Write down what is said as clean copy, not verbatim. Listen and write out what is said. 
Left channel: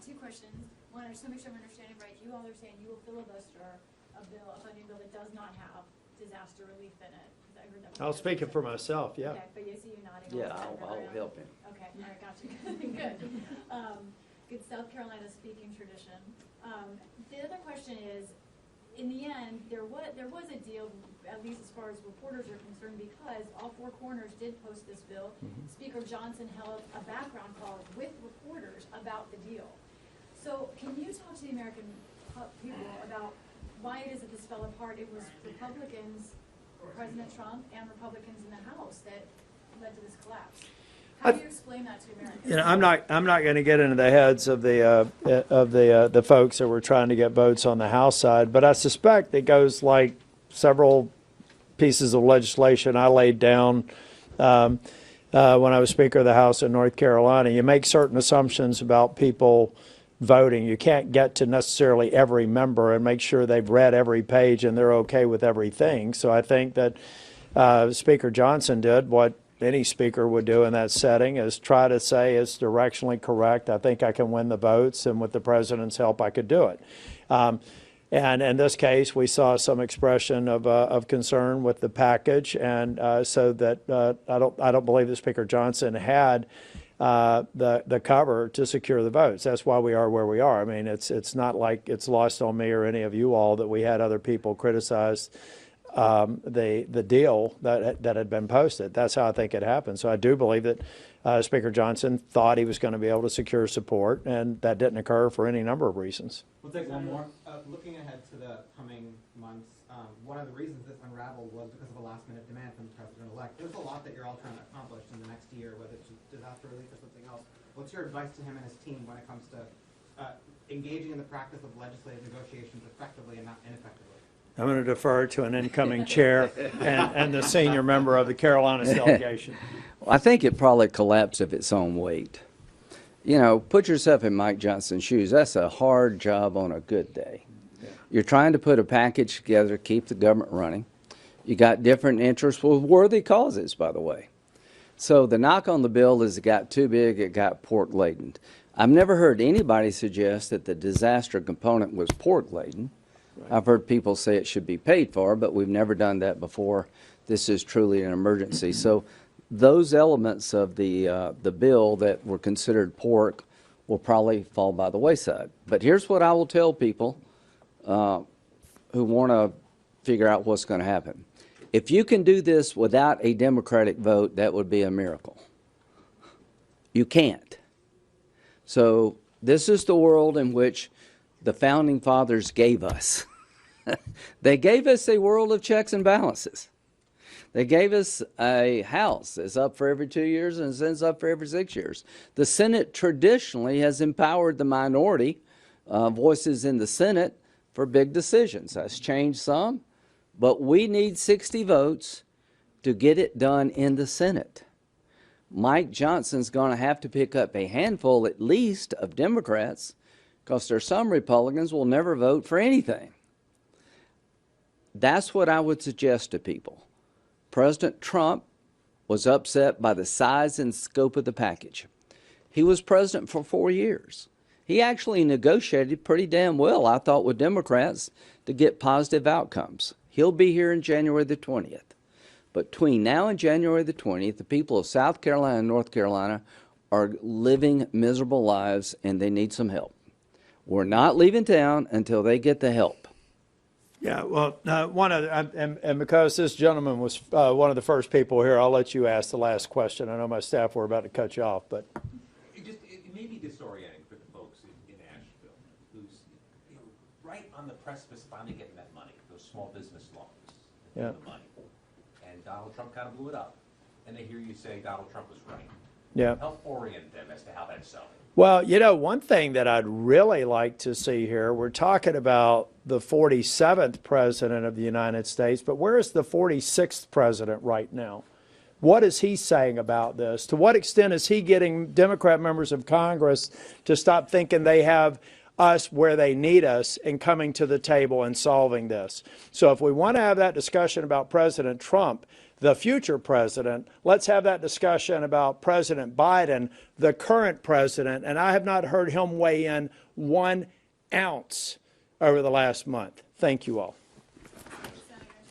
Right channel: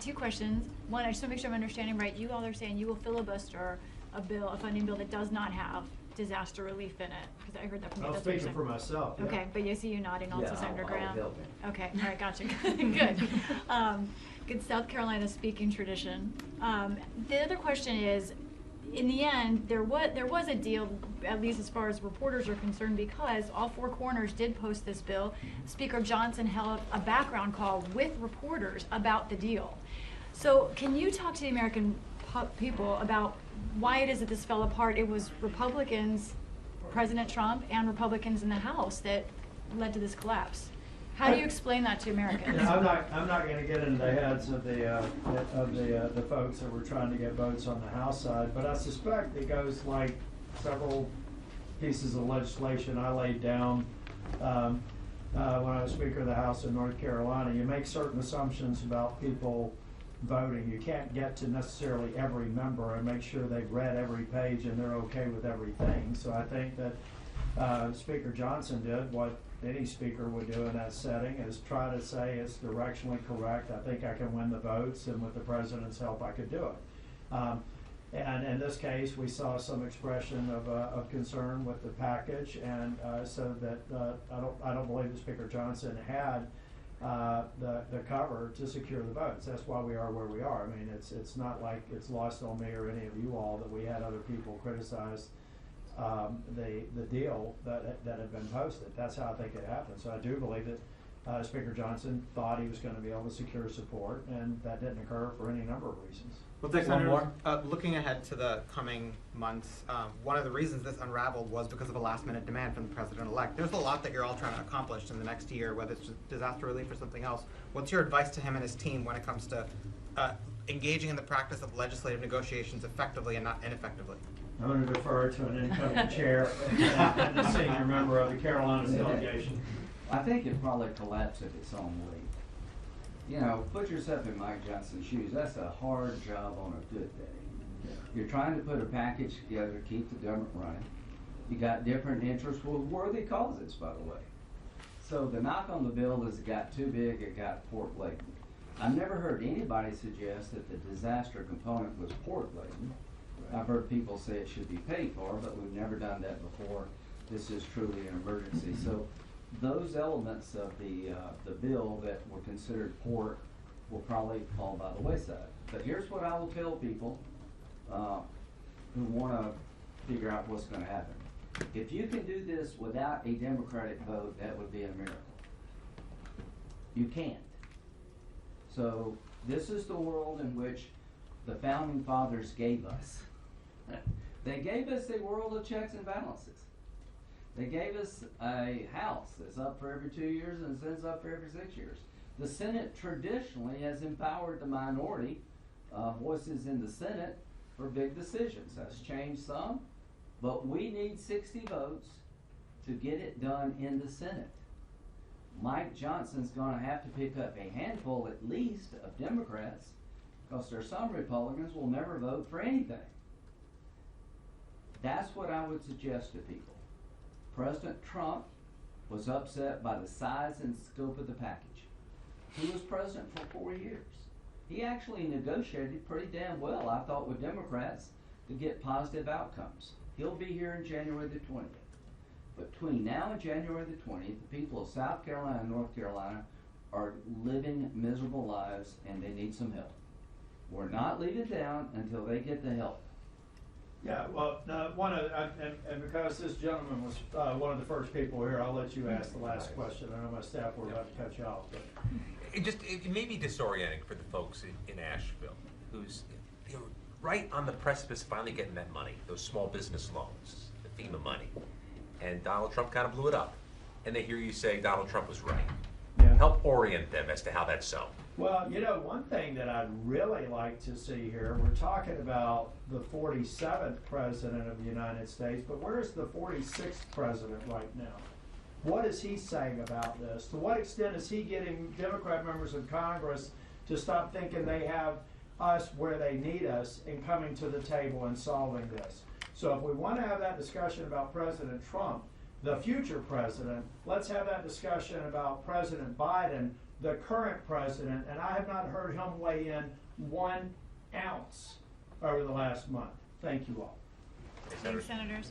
two questions. One, I just want to make sure I'm understanding right. You all are saying you will filibuster a funding bill that does not have disaster relief in it, because I heard that from I was speaking for myself, yeah. Okay, but you see you nodding also, Senator Graham. help him. Okay, all right, gotcha. Good. Good South Carolina speaking tradition. The other question is, in the end, there was a deal, at least as far as reporters are concerned, because all four corners did post this bill. Speaker Johnson held a background call with reporters about the deal. So can you talk to the American people about why it is that this fell apart? It was Republicans, President Trump, and Republicans in the House that led to this collapse. How do you explain that to Americans? You know, I'm not going to get into the heads of the folks that were trying to get votes on the House side, but I suspect it goes like several pieces of legislation I laid down when I was Speaker of the House in North Carolina. You make certain assumptions about people voting. You can't get to necessarily every member and make sure they've read every page and they're okay with everything. So I think that Speaker Johnson did what any speaker would do in that setting, is try to say it's directionally correct. I think I can win the votes, and with the president's help, I could do it. And in this case, we saw some expression of concern with the package, and so that I don't believe that Speaker Johnson had the cover to secure the votes. That's why we are where we are. I mean, it's not like it's lost on me or any of you all that we had other people criticize the deal that had been posted. That's how I think it happened. So I do believe that Speaker Johnson thought he was going to be able to secure support, and that didn't occur for any number of reasons. We'll take one more. Looking ahead to the coming months, one of the reasons this unraveled was because of a last-minute demand from the president-elect. There's a lot that you're all trying to accomplish in the next year, whether it's disaster relief or something else. What's your advice to him and his team when it comes to engaging in the practice of legislative negotiations effectively and not ineffectively? I'm going to defer to an incoming chair and the senior member of the Carolinas delegation. Well, I think it probably collapsed of its own weight. You know, put yourself in Mike Johnson's shoes. That's a hard job on a good day. Yeah. You're trying to put a package together, keep the government running. You got different interests with worthy causes, by the way. So the knock on the bill is it got too big, it got pork laden. I've never heard anybody suggest that the disaster component was pork laden. I've heard people say it should be paid for, but we've never done that before. This is truly an emergency. So those elements of the bill that were considered pork will probably fall by the wayside. But here's what I will tell people who want to figure out what's going to happen. If you can do this without a Democratic vote, that would be a miracle. You can't. So this is the world in which the Founding Fathers gave us. They gave us a world of checks and balances. They gave us a House that's up for every 2 years and sends up for every 6 years. The Senate traditionally has empowered the minority voices in the Senate for big decisions. That's changed some, but we need 60 votes to get it done in the Senate. Mike Johnson's going to have to pick up a handful at least of Democrats, because there are some Republicans will never vote for anything. That's what I would suggest to people. President Trump was upset by the size and scope of the package. He was president for 4 years. He actually negotiated pretty damn well, I thought, with Democrats to get positive outcomes. He'll be here in January the 20th. But between now and January the 20th, the people of South Carolina and North Carolina are living miserable lives, and they need some help. We're not leaving town until they get the help. Yeah, well, and because this gentleman was one of the first people here, I'll let you ask the last question. I know my staff were about to cut you off, but it may be disorienting for the folks in Asheville, who's right on the precipice of finally getting that money, those small business loans, the FEMA money, and Donald Trump kind of blew it up, and they hear you say Donald Trump was right. Yeah. Help orient them as to how that's so. Well, you know, one thing that I'd really like to see here, we're talking about the 47th president of the United States, but where is the 46th president right now? What is he saying about this? To what extent is he getting Democrat members of Congress to stop thinking they have us where they need us and coming to the table and solving this? So if we want to have that discussion about President Trump, the future president. Let's have that discussion about President Biden, the current president, and I have not heard him weigh in 1 ounce over the last month. Thank you all. Thanks, Senators.